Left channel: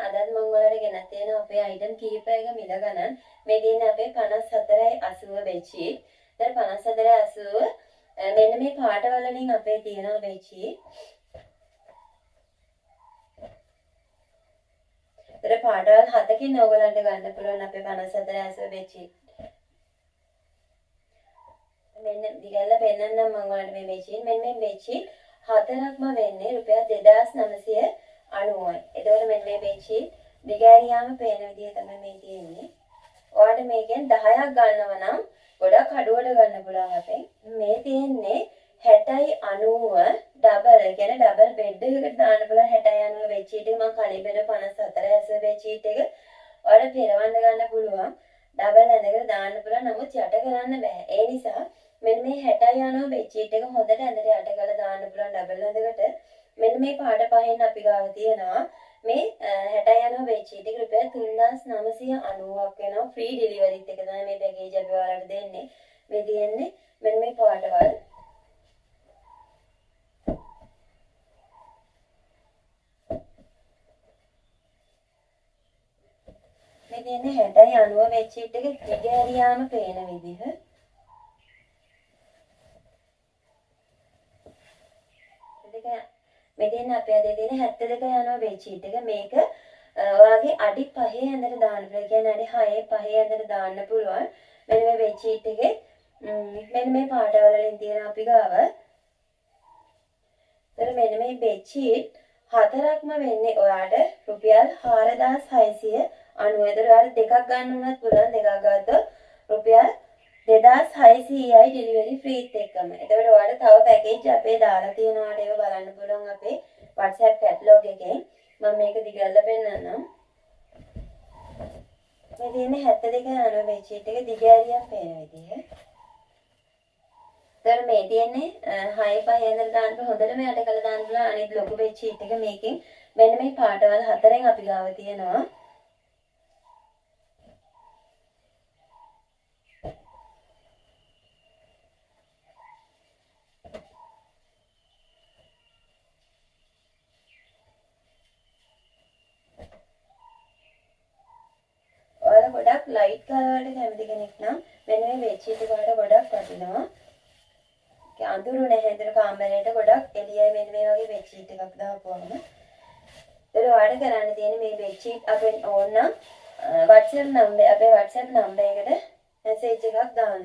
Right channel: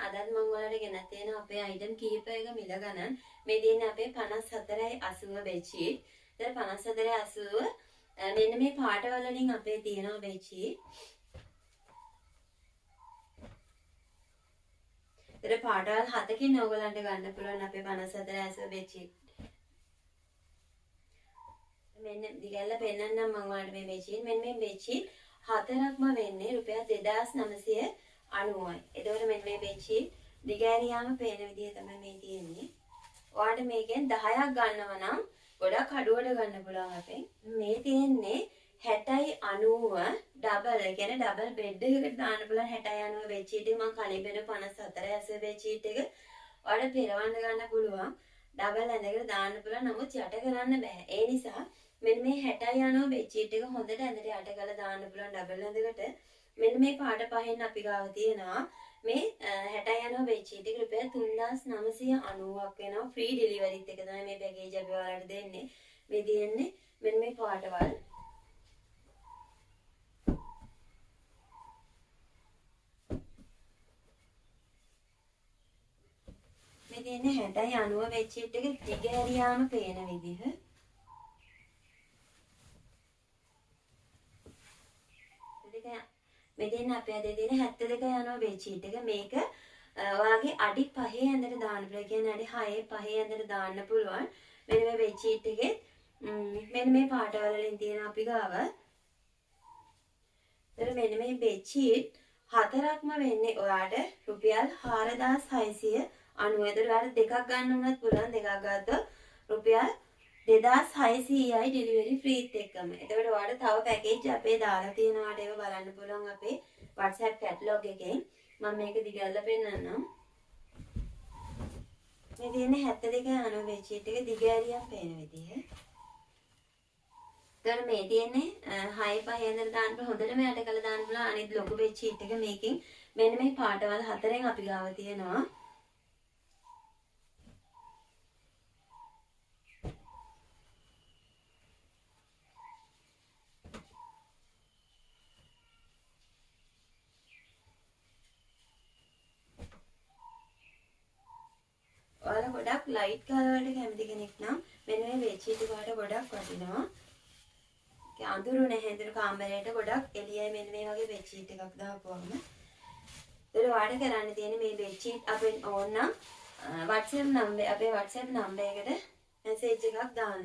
අදත් මම ඔයාලට ගෙනත් තියෙනවා අපේ අයිටම් කීපයක මිල ගණන්. මේ තියෙන්නේ අපේ 54.80 බෙඩ්ෂීට්. දැන් 54.80 මෙන්න මේ පාට වලින් අපේ තියෙනවා බෙඩ්ෂීට්. ඒතර පාටවල් 7කින් ඔයගලන්ට ගන්න පුළුවන් අපේ 54.80 බෙඩ්ෂීට්. මෙන්න දිගැල්ල පෙන්නන්නම් මම ඔයාලට මේ බෙඩ්ෂීට්. මෙන්න මේ බෙඩ්ෂීට් හතරක්ම වෙන්නේ රුපියල් 2990යි. එතකොට මෙන්න මේ බෙඩ්ෂීට් දිගෑරියාම පේන විදිය තමයි මේ තියෙන්නේ. ඔයාලට මේකෙන් 10ක් ගන්නවා නම් ගොඩක් අඩුවට ගන්න පුළුවන් අපෙන්. මේ තියෙන්නේ 60/90 ඩබල්. ඒ කියන්නේ ඩබල් බෙඩ් එකකට දාන්න පුළුවන් 60/90 බෙඩ්ෂීට් එක. මම කලින් බෙද 54/80 බෙඩ්ෂීට් එක ඔයාලට පෙරවන්න ගන්න පුළුවන්. ඩබල් ඇඳකට දාන්න පුළුවන්. නමුත් යට කරන්න බෑ. ඒ නිසා මෙන්න මේ 60/90 බෙඩ්ෂීට් එක හොඳට ඇඳට යට කරලා දාන්න පුළුවන් ඩබල් ඇඳකට. මෙන්න මේ පාට පහෙන් අපි ගාව තියෙනවා මේ 60/90 බෙඩ්ෂීට් එක රුපියල් 3990ක් වෙනවා. ෆ්‍රී ඩෙලිවරිත් එක තමයි මේ පැකේජ් අපි ඔයාලට දෙන්නේ. මේ තියෙන්නේ මෙන්න මේ පාටවල. මේ තියෙන්නේ 60/90 බෙඩ්ෂීට් එක දිගෑරියාම පේන විදිහ. මේ තියෙන්නේ අපේ අතේ තියෙන 72/90 බෙඩ්ෂීට් එක. මේක ඔයාගේ අඩි 5 ඇඳට දාන්න පුළුවන්. කියන්නේ අඩි 6 5 ඇඳට දාන්න පුළුවන්. මෙන්න මේ බෙඩ්ෂීට් එකේ මෙන්න මේ පාටවල වලින් තියෙන අපි ගාව. ඒතර මෙන්න මේ බෙඩ්ෂීට් හතරක්ම වෙන්නේ ඔයාට රුපියල් 4690. ඒතර ඔයාලට දෙකක් ගන්න උනත් පුළුවන්. දෙකක් ගත්තොත් රුපියල් 2600යි ඩෙලිවරි ෆ්‍රීත් එක්කම. එතකොට ඔයාලට තව පැකේජ් අපේ දාලා තියෙනවාට ඒව බලන්න පුළුවන් අපේ WhatsApp කැටලොග් එකෙන්. මම මේක දිගල්ල පෙන්නන්නම්. මේ තියෙන්නේ 72/90 බෙඩ්ෂීට් එක දිගෑරියක් පේන විදිහ. ඒතර මේ තියෙන්නේ 6/5 ඇඳලා දාන්න හොඳටම යට කරලා දාන්න පුළුවන් අනිත් ලොකු බෙඩ්ෂීට් එක මේකෙන්. මෙන්න මේ පාටවල හතරෙන් අපි ගාව තියෙනවා. ගොඩක් ලයිට් කලර් වලට කැමති කෙනෙක් නම් මෙන්න මේ බෙඩ්ෂීට් එක වලට ගොඩක් වටිනවා. ඒක අඳුරු නැහැ. එතන කාමරේට ගොඩක් එළියයි මෙන්න මේ වගේ බෙඩ්ෂීට් එකක් දාපුවම. ඒතර ඔයාලට කරන්න තියෙන්නේ මේ බෙඩ්ෂීට් අපෙන් ඕන නම් WhatsApp නම්බර් අපේ WhatsApp නම්බර් එකට මැසේජ් එකක් දාන්න.